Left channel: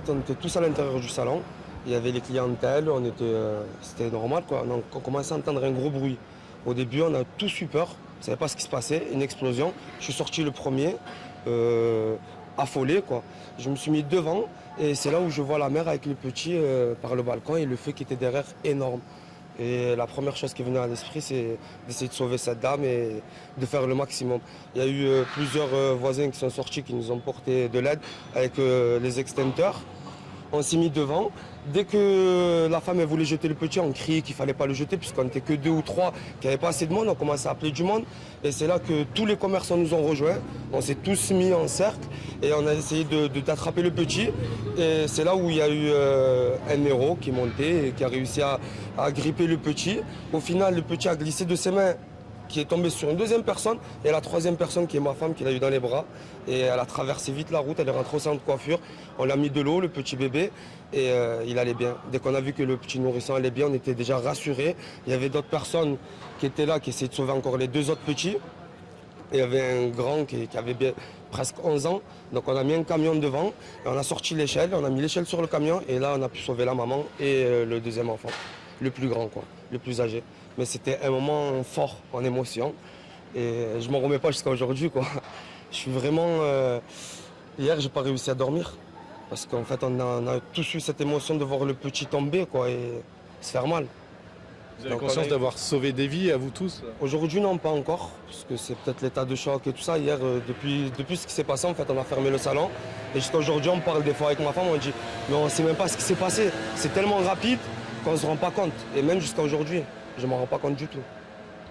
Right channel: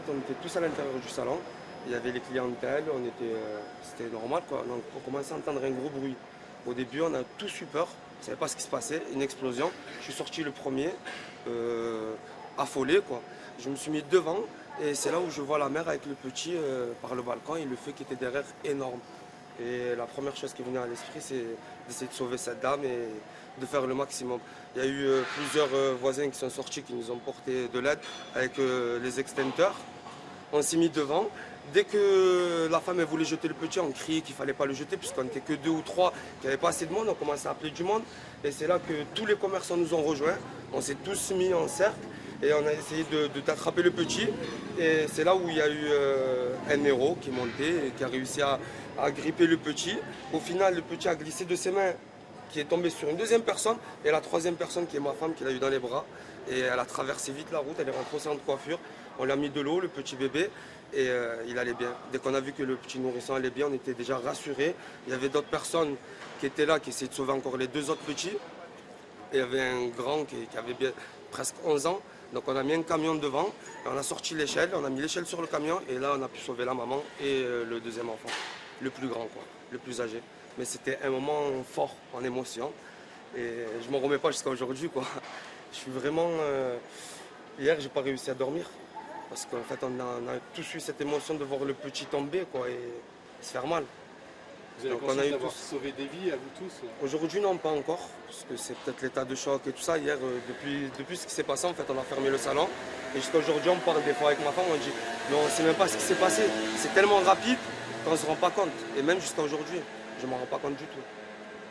fait, on était tous à l'intérieur du salon. Il y avait les clientèles, c'était normal, quoi. Donc on commençait à entendre un gros bruit. Au début, on a tous eu peur. On ne savait pas ce qui se passait. Une explosion. Je suis sorti le premier, affolé, quoi. Je me suis mis devant et c'est là où je vois la mère avec le petit par le balcon et le feu qui était derrière énorme. Et la première chose qui venait à l'esprit, c'est d'essayer de sauver cette dame et de faire le maximum. Il y a eu plusieurs voisins qui sont sortis, qui nous ont porté de l'aide avec les extincteurs. On s'est mis devant. Dès que la femme elle voulait jeter le petit, on criait qu'il ne fallait pas le jeter, puisqu'on n'était que 2 ou 3, qu'il n'y avait pas assez de monde. On commençait à appeler du monde. Et c'est là que tous les commerçants nous ont rejoints. On s'est tous mis en cercle et on a essayé d'attraper le petit. Et c'est là où il y a eu un héros qui montait et qui a réussi à gripper le petit. Au final, le petit a glissé de ses mains, qui est tombé sur une deuxième personne, et la troisième personne qui est ma femme qui l'a eu dans les bras. Et elle a traversé vite la route, elle est rentrée au centre de coiffure. On l'a mis de l'eau, le petit bébé, et il allait bien. Dès qu'on a vu que le petit nourrisson allait bien, on était déjà rassurés. Il y avait d'autres personnes qui étaient là, qui essayaient de sauver encore les 2 autres petits. Et il y avait un grand qui avait presque 11 ans. Donc on a mis un camion devant, et on a sorti l'échelle, on a mis l'échelle sur le camion, et là on a pu sauver la maman et le deuxième enfant, le plus grand, quoi, le plus âgé. Mais c'était un moment fort en émotion, et je m'en remets pas jusqu'à aujourd'hui, quoi. Je suis vraiment... Hier, j'ai pas réussi à dormir, parce qu'en fait, on a tous eu cette émotion de voir le petit tomber, quoi, et se faire mal. Vous avez Donc, conscience d'avoir sauvé des vies à vous tous? Aujourd'hui, non, pas encore, parce que c'est peut-être l'état de choc et tout ça. Hier, depuis ce qui s'est passé, en fait, on a fermé le salon. Et jusqu'à aujourd'hui, on parle des fois avec ma femme, on dit, mais on ne sait même pas ce qui s'est passé. C'est tellement rapide qu'on ne se rend pas compte. Et même jusqu'à aujourd'hui, je ne m'en rends pas compte du tout.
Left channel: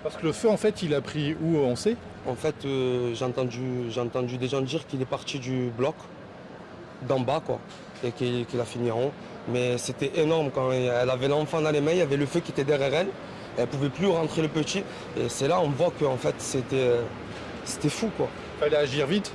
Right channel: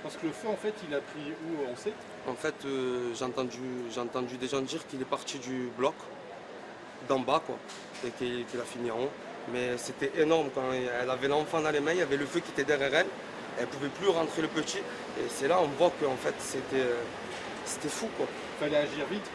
Parce que le feu, en fait, il a pris où, on sait? En fait, j'ai entendu des gens dire qu'il est parti du bloc, d'en bas, quoi, et qu'il a fini en haut. Mais c'était énorme quand elle avait l'enfant dans les mains, il y avait le feu qui était derrière elle. Elle ne pouvait plus rentrer le petit. Et c'est là on voit qu'en fait, c'était fou, quoi. Il fallait agir vite.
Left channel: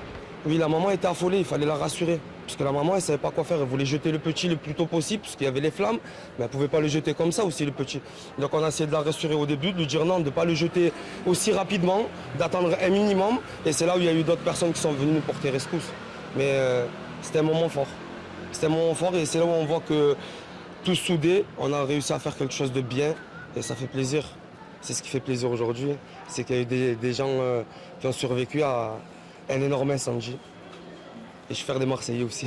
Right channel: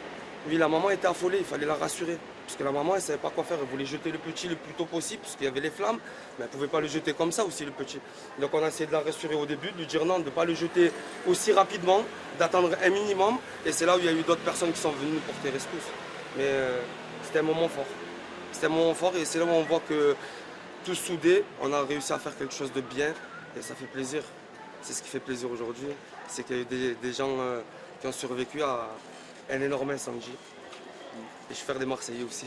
Oui, la maman était affolée, il fallait la rassurer. Parce que la maman, elle ne savait pas quoi faire. Elle voulait jeter le petit le plus tôt possible, parce qu'il y avait les flammes. Mais elle ne pouvait pas le jeter comme ça aussi, le petit. Donc on a essayé de la rassurer au début, de lui dire non, de ne pas le jeter aussi rapidement, d'attendre un minimum. Et c'est là où il y a eu d'autres personnes qui sont venues nous porter rescousse. Mais c'était un moment fort. C'était un moment fort et c'est là où on voit que tous soudés, on a réussi à faire quelque chose de bien. Et ça fait plaisir. C'est ce qui fait plaisir aujourd'hui. C'est qu'il y a eu des gens qui ont survécu à un énorme incendie. Et je suis fier des Marseillais aussi.